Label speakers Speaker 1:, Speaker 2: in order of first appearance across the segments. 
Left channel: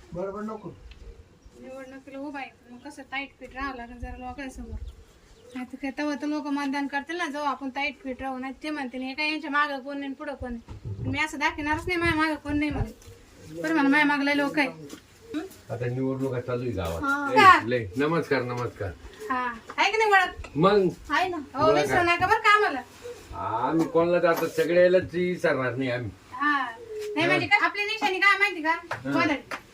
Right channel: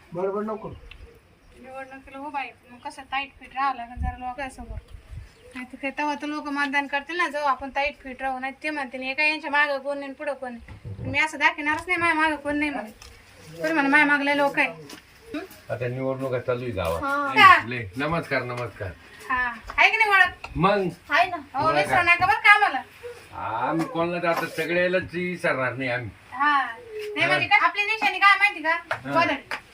Speaker 1: बरोबर नको
Speaker 2: निवडणुकीला उभा आहे पण मग कसं टाईट फिट राहावं लागेल जरा लोकांसमोर. नाही तर काय तेव्हा तर लोक मतदान करतील ना, जाऊ आपण टाईट फिट राहू. नाही ते म्हणते नाही काय यांच्या मागं कोण नाही पुढं कोण नाही. मी असं दाखवणारच नाही माझ्या मागं कोण नाही म्हणून. तर म्हणा माझ्या मागला लोक आहे.
Speaker 3: आता निवडणुका चालू आहे गावात. लय नमस्कार नमस्कार.
Speaker 2: हा आहे की नाही ओळख?
Speaker 3: मग
Speaker 2: आहे ना. हो विसरू नका बरं का आम्हाला.
Speaker 3: आम्ही कोणाला आता सगळ्यालाच विसरणार नाही आम्ही.
Speaker 2: हा नाही म्हणजे काय आपली निशाणी काय माहिती का, गोदडी.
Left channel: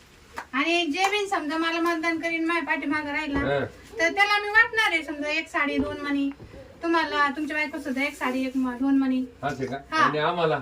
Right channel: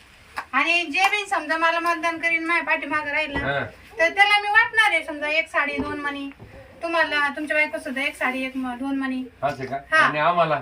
Speaker 2: आणि जे बी समजा मला मतदान करीन माझ्या पाठीमागं राहील ना, तर त्याला मी वाटणार आहे. समजा 1 साडी 2 मणी, तुम्हाला तुमच्या बायको सुद्धा 1 साडी 2 मणी.
Speaker 3: असं का? आणि आम्हाला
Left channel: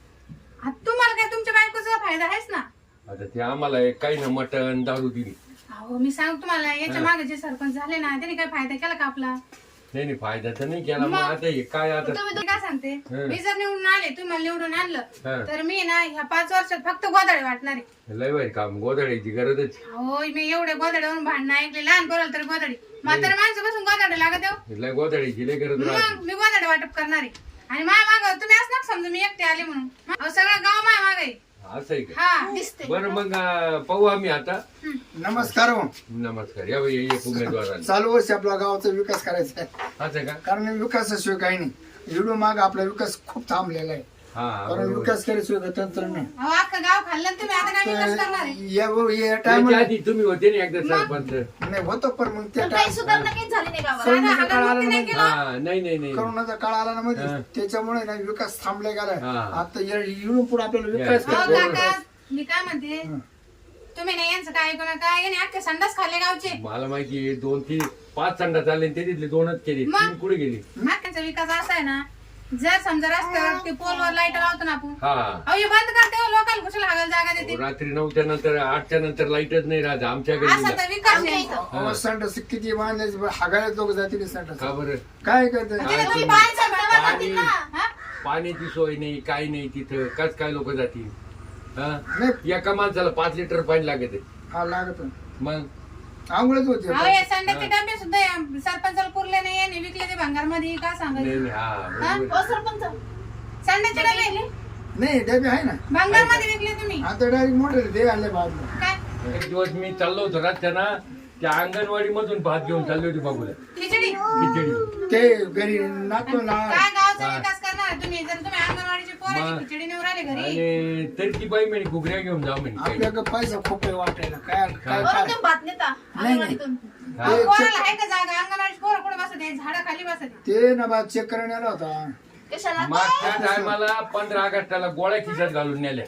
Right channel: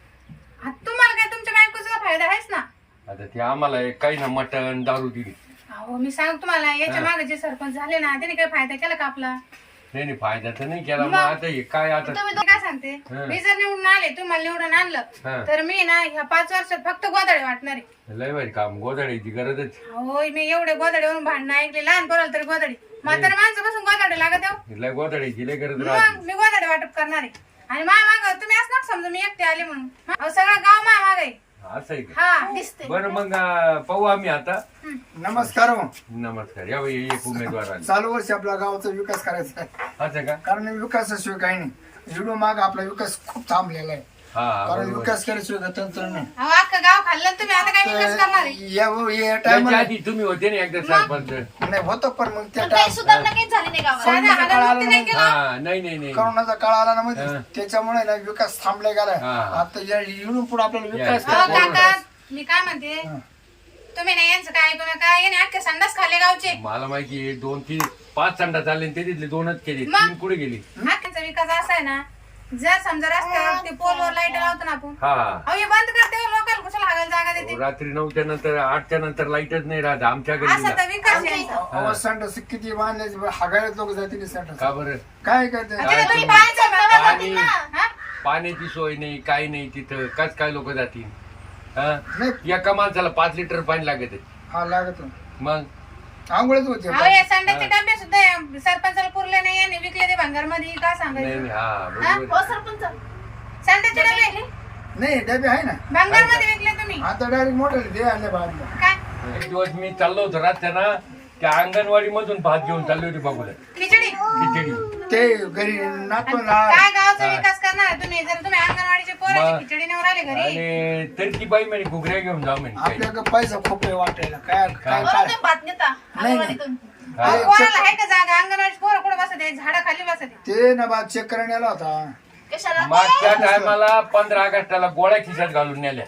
Speaker 2: तुम्हाला काय तुमच्या बायकोचा फायदा आहेच ना.
Speaker 3: आता ते आम्हाला काही ना मटण दारू दिली.
Speaker 2: हो मी सांग तुम्हाला, याच्या मागे जे सरपंच झाले ना त्याने काही फायदा केला का आपला?
Speaker 3: नाही फायदा तर नाही केला. मग आता हे काय आता
Speaker 2: तुम्ही काय सांगते, मी जर निवडून आले, तुम्हाला निवडून आणलं तर मी ना ह्या 5 वर्षात फक्त गोधडे वाटणार आहे.
Speaker 3: लय भारी काम, गोधड्याची गरजच.
Speaker 2: हो मी एवढे गोधड्यावरून भांडणं ऐकले, लहान पोराला तरी गोधडी, म्हातारा माणसापासून गोधडे लागत आहे.
Speaker 3: लय गोधड्याची लय गरज
Speaker 2: मग मी गोधडे वाटप करणार आहे. आणि माझ्या माग तुम्ही असं नका समजा मी एकटे आले म्हणून. सगळं गाव माझ्या माग आहे.
Speaker 3: असं आहे का?
Speaker 2: हा दिसते.
Speaker 3: बरं मग पाहू आम्ही आता.
Speaker 1: नमस्कार हो.
Speaker 3: नमस्कार. या बाई एक उमेदवार आले.
Speaker 1: चालू वर्षी आपला गावाचा विकास करायचा आहे.
Speaker 3: असं का?
Speaker 1: कारण विकासाशिवाय काही नाही. एवढं माग आपला विकास खूप थांबलेला आहे.
Speaker 3: हा
Speaker 1: कारण विकास केल्याशिवाय तंत्र नाही.
Speaker 2: अहो अख्खं गाव खाल्लं ना तुम्ही, आता काय विकास करणार आहे?
Speaker 1: या
Speaker 3: त्याच्या
Speaker 1: टायमाला
Speaker 3: आधी तुम्ही होते ना एकदा सरपंच.
Speaker 1: नाही होतं, पण मग त्या
Speaker 4: काही सुधारणा काही झाली नाही गावात.
Speaker 1: कोरोनाचा काळ आला ना,
Speaker 3: हा नाही
Speaker 1: कोरोनाचा काळ आला ना मध्ये, त्याच्यामुळे ना विकास थांबला गेलाय.
Speaker 3: हा.
Speaker 1: आता इकडून पुढे आपल्याला विकास
Speaker 2: अहो
Speaker 1: करायचा.
Speaker 2: काका मी काय म्हणते, तुम्ही नाही यांचं काय ऐकू नका. याने अख्खे संडास खाल्ले गावचे.
Speaker 3: मला माहिती 2-3-5 संडा चालले ते तिथले 2च केली, 3 पुढे गेली.
Speaker 2: अख्ख्याचा विकास असा आहे ना, जर समजा रस्त्यावर ते पोलवर लाईट लावतो ना आपण,
Speaker 3: हा
Speaker 2: अहो हे बंद करते हो, लोकांना कुशाला हागायला जागा देते.
Speaker 3: रात्री 9च्या नंतर 8च्या नंतर लाईटच नाही राहत आमच्या
Speaker 2: असा
Speaker 3: गल्लीला.
Speaker 2: तर विकास आहे इथं.
Speaker 1: अहो, संडास किती बांधायचे, हागायला लोक जातील संडास.
Speaker 3: का बरं?
Speaker 1: काय करते?
Speaker 2: तिथे तुम्ही बाहेरचं मिळवलं
Speaker 3: पाणी
Speaker 2: जातील ना, हा?
Speaker 3: पाण्याची सोय नाही, काही नाही तिथं. काय लोक जातील? हा?
Speaker 1: नाही.
Speaker 3: एका माणसाला 5 लिटर पाणी लागत आहे.
Speaker 1: हा लागत
Speaker 3: मग
Speaker 1: आंघोळच होते.
Speaker 2: अहो हे संडासचे डबे सुद्धा सरपंचाला पुरले नाही, याने विकले ते भंगार मध्ये. काय
Speaker 3: नाही
Speaker 2: सांगायचं?
Speaker 3: नाही, हा बरोबर.
Speaker 4: हो सरपंच,
Speaker 2: संडासचे डबे
Speaker 1: नाही डबे आहे ना,
Speaker 2: भंगार मध्ये विकले तुम्ही.
Speaker 1: आता डायरेक्ट मोठे दे आले बाजूला.
Speaker 2: काय
Speaker 3: एक दिवस मी चाललो होतो रस्त्यानं, त्या अंगणवाडी मधून भात घेऊन चालली होती बाबूला
Speaker 2: खिचडी.
Speaker 3: खिचडी.
Speaker 1: ते घरी नातो ना.
Speaker 2: काय गावाचा विकास करणार आहे तुम्ही, जर तुम्ही अंगणवाडीचे पोराची खिचडी नेऊन राहिले घरी?
Speaker 3: आणि तरी ती बाई म्हणे घुगऱ्या घेऊन जा म्हणे काही.
Speaker 1: आपल्याकडे पैसा खूप आहे वाटायला. काय काय
Speaker 4: बरं
Speaker 1: काय
Speaker 4: तुम्ही भात नेता
Speaker 1: नाही.
Speaker 4: अंगणवाडीतून.
Speaker 2: अहो, पोराला आहे का जागा? अंगणवाडी पोरं कुठं बसते, झाडा खाली बसते.
Speaker 1: ते ना बा चेक करायला आला होता.
Speaker 4: कशाला?
Speaker 3: मागच्या टायमाला 15 ऑगस्टला गोळ्या खिशात घालून नेल्या,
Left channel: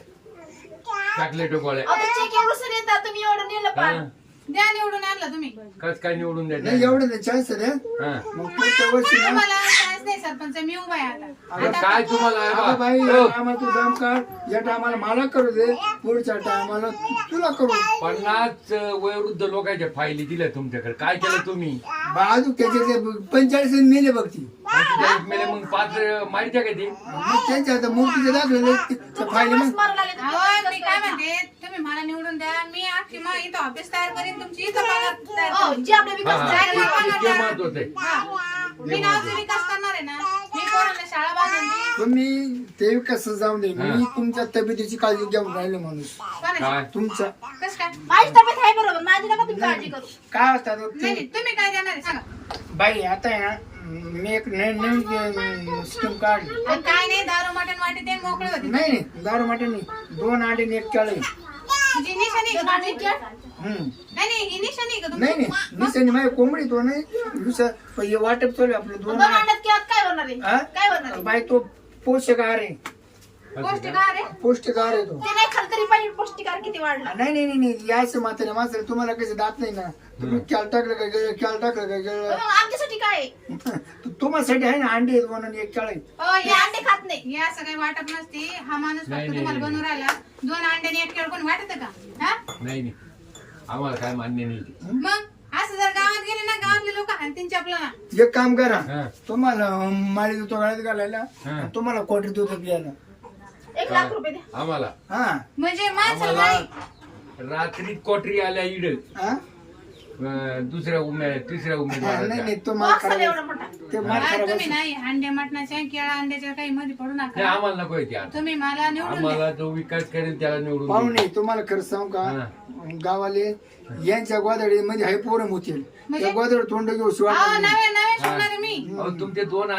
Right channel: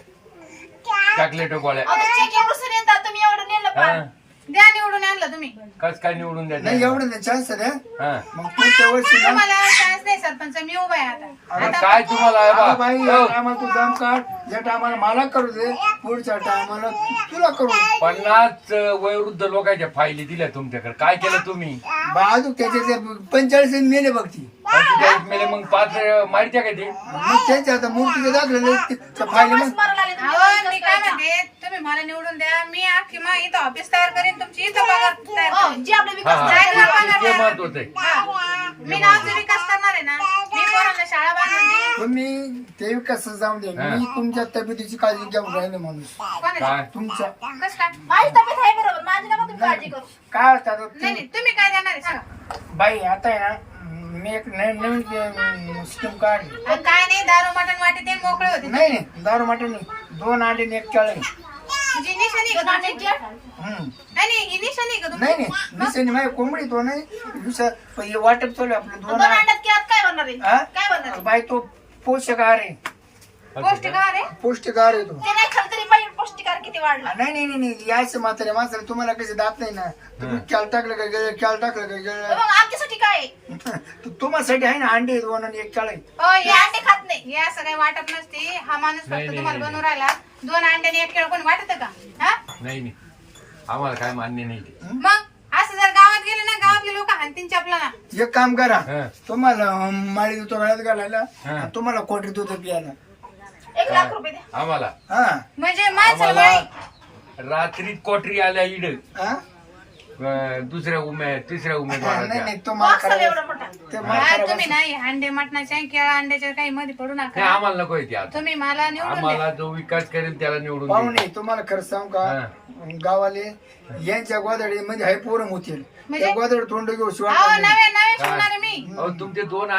Speaker 3: चॉकलेट गोळ्या.
Speaker 4: अहो, ते चेक एवढं सर येतात, तुम्ही एवढं नेलं
Speaker 3: हा.
Speaker 4: पण.
Speaker 2: द्या निवडून आणलं तुम्ही.
Speaker 3: कस काय निवडून
Speaker 1: नाही
Speaker 3: द्यायचं?
Speaker 1: एवढं नाही चान्स आहे.
Speaker 3: हा.
Speaker 1: मग पुढच्या वर्षी ना
Speaker 2: तुम्हाला चान्स नाही सरपंच, मी उभा आहे आता.
Speaker 3: मग काय तुम्हाला
Speaker 1: अगं बाई या
Speaker 3: हो.
Speaker 1: टायमाला तू दम काढ. या टायमाला मला करू दे, पुढच्या टायमाला तुला करू.
Speaker 3: 50 वयोवृद्ध लोकांच्या फायली दिल्या तुमच्याकडे. काय केलं तुम्ही?
Speaker 1: बाजू त्याचे 45 नेले बघ ती.
Speaker 3: 45 मेले, मग 5 माहिती का ते?
Speaker 1: मग त्यांच्या आता मूर्तीचे दाखले फायले मग
Speaker 4: मारायला आले तुम्ही.
Speaker 2: अहो मी काय म्हणते, तुम्ही मला निवडून द्या, मी अख्खी मग इथं ऑफिस तयार करीन, तुमची इथं पगार तयार
Speaker 4: हो,
Speaker 2: करीन.
Speaker 4: जे आपले
Speaker 3: हा,
Speaker 4: विकास
Speaker 3: हा.
Speaker 2: जायला पगार
Speaker 3: ते
Speaker 2: द्या.
Speaker 3: महत्वाचं आहे.
Speaker 2: हा. मी गावचा विकास करणार आहे ना, मी पोरांना शाळा बांधून देईन.
Speaker 1: तुम्ही ते कसं जाऊन दे. मी तुमच्या तब्येतीची काळजी घेऊन राहिले माणूस.
Speaker 2: कोणाची?
Speaker 3: काय?
Speaker 1: तुमच्या
Speaker 2: कसं काय?
Speaker 4: माझी तब्येत आहे बरोबर, माझी नका तुम्ही काळजी करू.
Speaker 1: काय असतात
Speaker 2: नाही नाही, तुम्ही काय देणार आहे सांगा.
Speaker 1: बाई आता आहे ना, मी एक नवीन स्कीम काढली.
Speaker 2: आणि काय नाही, दारू मटण वाटे ते मोकळे होते.
Speaker 1: नाही नाही दारू માટે नाही, 2 अंडे आणि 1 केळं.
Speaker 2: जी निशाणी आहे का तुमची? नाही नाही, ही निशाणी आहे का
Speaker 1: नाही
Speaker 2: तुमची?
Speaker 1: नाही निशाणी माझी कोंबडी तो नाही दुसरं, पण हे वाटप चालू आहे आपलं 2
Speaker 4: दोन अंड्यात केळात काय बनणार आहे?
Speaker 1: हा?
Speaker 4: काय बनणार आहे?
Speaker 1: बाई तो पौष्टिक आहार आहे.
Speaker 2: पौष्टिक आहार आहे?
Speaker 1: पौष्टिक आहार आहे तो.
Speaker 4: ते नाही खाल्लं तरी पाहिजे, पौष्टिकार किती वाढला.
Speaker 1: नाही नाही नाही नाही यायचं मात्र माणसाला तुम्हाला कसे दात नाही ना. तुम्ही कॅल टाकलं का गेलं, कॅल टाकलं का गेलं.
Speaker 4: मग आमच्यासाठी काय आहे?
Speaker 1: तुम्हासाठी आहे ना अंडे 2 आणि 1 केळं.
Speaker 2: हो,
Speaker 4: हे अंडे खात नाही.
Speaker 2: हे असं काही वाटत नसते. हा माणूस
Speaker 3: नाही,
Speaker 2: फक्त
Speaker 3: नाही,
Speaker 2: तुम्हाला
Speaker 3: नाही.
Speaker 2: बनवून राहिला. 2 अंड्याने 1 केळ कोण वाटत का? हा?
Speaker 3: नाही नाही, आम्हाला काय मान्य नाही ते.
Speaker 2: मग असं जर गावात गेले ना, गावातले लोक हाणतीन चपला ना.
Speaker 1: एक काम करा,
Speaker 3: हा.
Speaker 1: तुम्हाला माळी देतो गळ्यात घालायला,
Speaker 3: हा.
Speaker 1: आणि तुम्हाला क्वार्टर देतो पियाला.
Speaker 4: 1 लाख रुपये द्या.
Speaker 3: आम्हाला
Speaker 1: हा
Speaker 2: म्हणजे माणसाला
Speaker 3: आम्हाला
Speaker 2: बाई
Speaker 3: रात्री कोटरी आल्या इड.
Speaker 1: हा
Speaker 3: तिसऱ्या
Speaker 1: नाही
Speaker 3: उमेदवाराच्या
Speaker 1: नाही तो मला
Speaker 4: बॉक्स आला एवढा
Speaker 1: करायला
Speaker 4: मोठा.
Speaker 1: ते मला
Speaker 2: हा,
Speaker 1: करायला
Speaker 2: तुम्ही नाही अंडे मटणाच्या केळा अंड्याच्या काही मध्ये पडू
Speaker 3: नाही
Speaker 2: नका
Speaker 3: आम्हाला नको येते आता
Speaker 2: तुम्ही मला निवडून द्या.
Speaker 3: आम्हाला जो विकास करेल त्याला निवडून देऊ.
Speaker 1: पाहुणे तुम्हाला खरं सांगू का गावाले यांच्या गोदडी मध्ये हाय पोरं होतील
Speaker 2: म्हणजे?
Speaker 1: त्या गोदड तोंड घेऊ शिवाय
Speaker 2: अहो नवे नवे शिवणार मी
Speaker 3: अहो, तुमचे दोन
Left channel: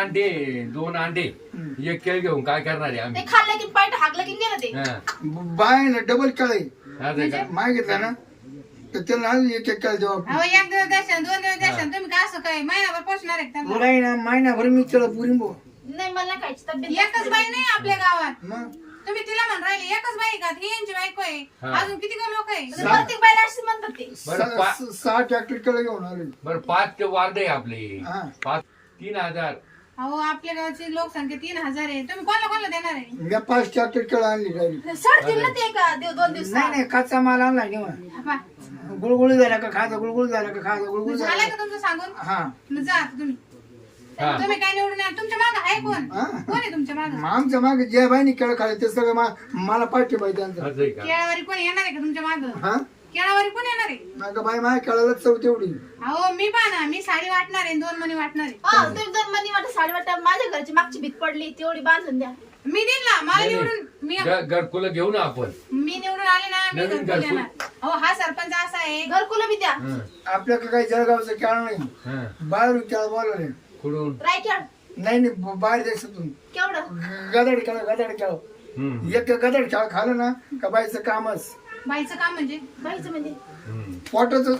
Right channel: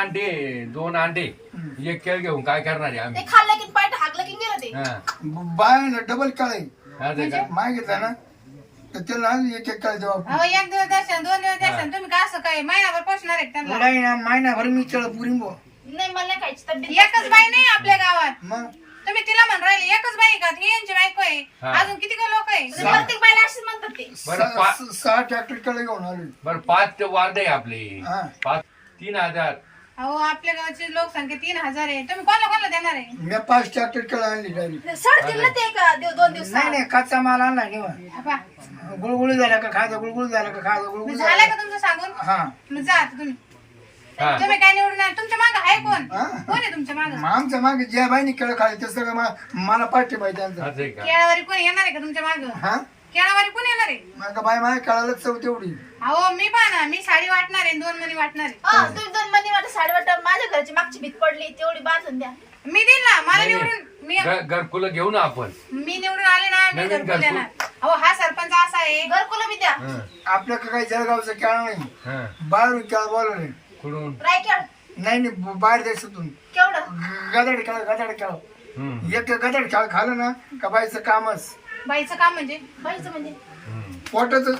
Speaker 3: अंडे एक केळ घेऊन काय करणार आहे
Speaker 4: ते
Speaker 3: आम्ही
Speaker 4: खाल्लं की पाय हागलं की गेलं ते.
Speaker 3: हा.
Speaker 1: बाय डबल काळे
Speaker 3: असं का?
Speaker 1: मागितला ना तर त्याला एक एक काळ देवा
Speaker 2: अहो एक दिवस दर्शन 2 दिवस दर्शन तुम्ही का असं काय महिनाभर पोचणार आहे का त्यांना
Speaker 1: पुढाई ना महिनाभर मी त्याला पुरी बो
Speaker 4: नाही मला नाही खायची तब्येत.
Speaker 2: एकच बाई नाही आपल्या गावात
Speaker 1: मग
Speaker 2: तुम्ही तिला म्हण राहिले एकच बाई का ही यांची बायको आहे
Speaker 3: हा.
Speaker 2: अजून किती लोक आहे
Speaker 4: म्हणजे प्रत्येक बायला अशीच म्हणतात ते.
Speaker 3: बरं
Speaker 1: 6 ट्रॅक्टर केळं घेऊन आलो
Speaker 3: बरं 5 ते वार्ड आहे आपले
Speaker 1: हा.
Speaker 3: 5 3000
Speaker 2: अहो आपल्या गावची लोकसंख्या 3000 आहे तुम्ही कोणाला देणार आहे
Speaker 1: मी 5 ट्रॅक्टर केळं आणली डायरेक्ट
Speaker 4: सडतील ना ते का 2 दिवस.
Speaker 1: नाही नाही कच्चा माल आणला निवा
Speaker 2: हा,
Speaker 1: गुळगुळी झाला का खायचा गुळगुळी झाला का खायचा गुळगुळी
Speaker 2: झालं
Speaker 1: झाला
Speaker 2: का तुमचं सांगून
Speaker 1: हा
Speaker 2: मग जा आता तुम्ही
Speaker 3: हा.
Speaker 2: तुम्ही काय निवडून आहे? तुमच्या माग आहे कोण
Speaker 1: हा.
Speaker 2: कोण आहे तुमच्या माग
Speaker 1: मग आमच्या मागे ज्या बाईने केळं खाल्ले ते सगळं मला पाठी पाहिजे त्यांचं
Speaker 3: असं आहे का
Speaker 2: केळावारी कोण येणार आहे का तुमच्या माग
Speaker 1: हा
Speaker 2: केळावारी कोण येणार आहे
Speaker 1: मग बाई माझ्या केळाला चव तेवढी
Speaker 2: अहो मी पहा ना मी साडी वाटणार आहे 2 मणी वाटणार आहे
Speaker 4: हा, तुम्ही 2 महिने वाटत साडेवाटा माझ्या घरची मागची भीत पडली तेवढी बांधून द्या.
Speaker 2: मी देईल ना मला
Speaker 3: नाही,
Speaker 2: निवडून मी
Speaker 3: घरकुल घेऊ ना आपण
Speaker 2: मी निवडून आले ना मी
Speaker 3: नवीन
Speaker 2: घरकुल
Speaker 3: घरकुल.
Speaker 2: देणार अहो हा सरपंच असा आहे
Speaker 4: घरकुलं बी द्या.
Speaker 3: हं,
Speaker 1: आपल्याकडे काही जळगावचं केळं नाही
Speaker 3: हं.
Speaker 1: बाहेरून केळं बोलवले
Speaker 3: कुठून
Speaker 4: रायखेड
Speaker 1: नाही बाहेर देशातून
Speaker 4: केवढं.
Speaker 1: गदड केळं
Speaker 3: हं,
Speaker 1: एक गदड केळं खाल्लं ना का बाईचं कामच
Speaker 2: बाईचं काम म्हणजे
Speaker 4: बाईचं म्हणजे
Speaker 3: हं.
Speaker 1: पोटाचं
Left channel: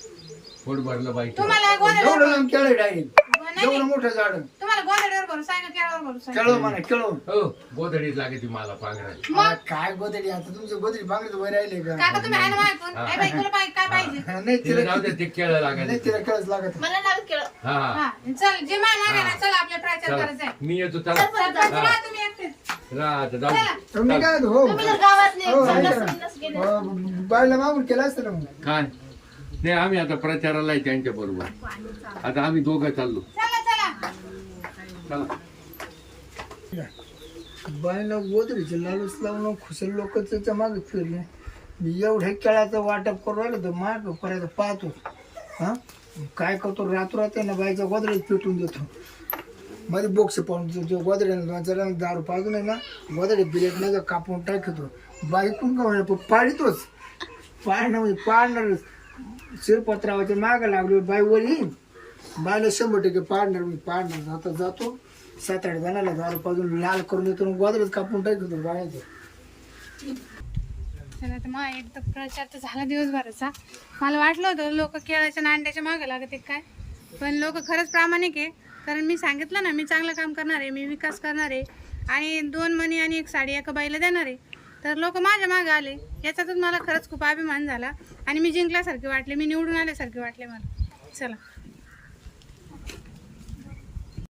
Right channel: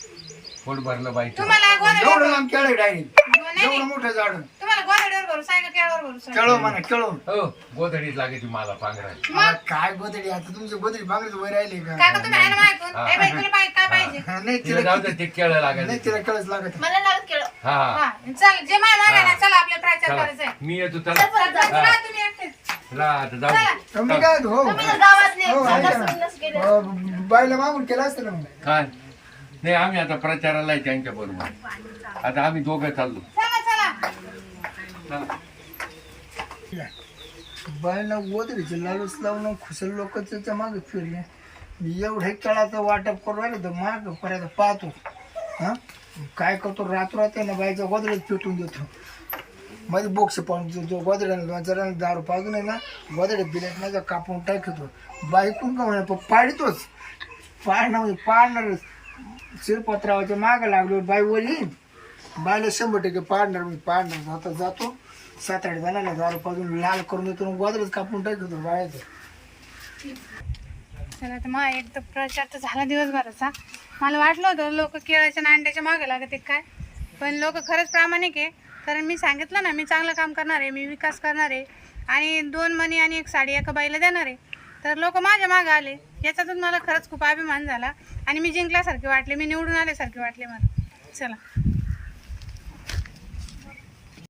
Speaker 3: पोट भरलं बाईचं
Speaker 2: तुम्हाला गोदड्यावर
Speaker 1: एवढं लांब केळं डायरेक्ट
Speaker 2: नाही,
Speaker 1: एवढं मोठं झाड
Speaker 2: तुम्हाला गोदड्यावर भरू सांगा केळावर भरू सांगा
Speaker 1: केळं म्हणा केळं
Speaker 3: हो गोधडीत लागायची मला पांघरायची
Speaker 1: आ, काय गोदडी आता तुमचं गोदडी बांगडीत वर राहिले का
Speaker 2: काका तुम्ही आहे ना माहितून ए बाई तुला काय पाहिजे
Speaker 1: हा, नाही
Speaker 3: तिला जाऊ
Speaker 1: तिला
Speaker 3: दे ते केळं
Speaker 1: नाही
Speaker 3: लागायचं
Speaker 1: तिला केळंच लागत
Speaker 4: मला लागत केळं.
Speaker 3: हा हा
Speaker 2: हा चल जे माय मागा ना चला आपल्या प्रचार
Speaker 3: चला.
Speaker 2: करायचा आहे
Speaker 3: मी येतो चला
Speaker 2: सरपंच
Speaker 3: हा.
Speaker 2: राहा तुम्ही एकटेच.
Speaker 3: राहा आता जाऊ
Speaker 2: चला.
Speaker 1: तुम्ही काय हो
Speaker 4: तुम्ही जर गावातले
Speaker 1: हो, आहे
Speaker 4: संडास
Speaker 1: ना.
Speaker 4: बिंडास गेले.
Speaker 1: बाईला मागून केलं असतं ना मग.
Speaker 3: काय नाही आम्ही आता प्रचाराला आहे त्यांच्या बरोबर आता आम्ही दोघं चाललो
Speaker 2: चला चला
Speaker 3: चला.
Speaker 1: बाईला गोदडीचे लालूच लावून खुसल लोक त्याच्या मागे फिरले मी एवढे केळाचं वाटप करू राहिले तर माग पर्यंत पाहतो हा काय करतो रात्र ना बाईचा गोदडीत पेटून देतो मध्ये बोक्स पण जो गोदड्याला जरा दारू पाजून आहे ना गोदडे बिलेट नाही कापून टाकतो बाई कोण का म्हणे पाडितोच पाडणं म्हणजे पाडणारच शिरपत्रावाच्या मागं लागलो बाई वर येईन बाईला 100% पाडणार मी पाडणार जातो 7-8 जणांना दारू पाजून लाल करून देतो गोदरेच कापून टाकतो बायाचं
Speaker 2: चला तर मग एक तर प्रचार तर झाला दिवसभराचा मला वाटलं होतं लोक केळाच्या आणि अंड्याच्या मागे लागत काय पण लोक खरंच प्रामाणिक आहे कारण मी सांगितलं ना मी चांगलं काम करणार आहे मी विकास करणार आहे आणि 2 मणी आणि 1 साडी एका बाईला देणार आहे तर लोक माझ्या मागे आले याच्यातून मला खरंच खूप अभिमान झाला आणि मी जिंकल्यासारखे वाटले मी निवडून आल्यासारखे वाटले मला चला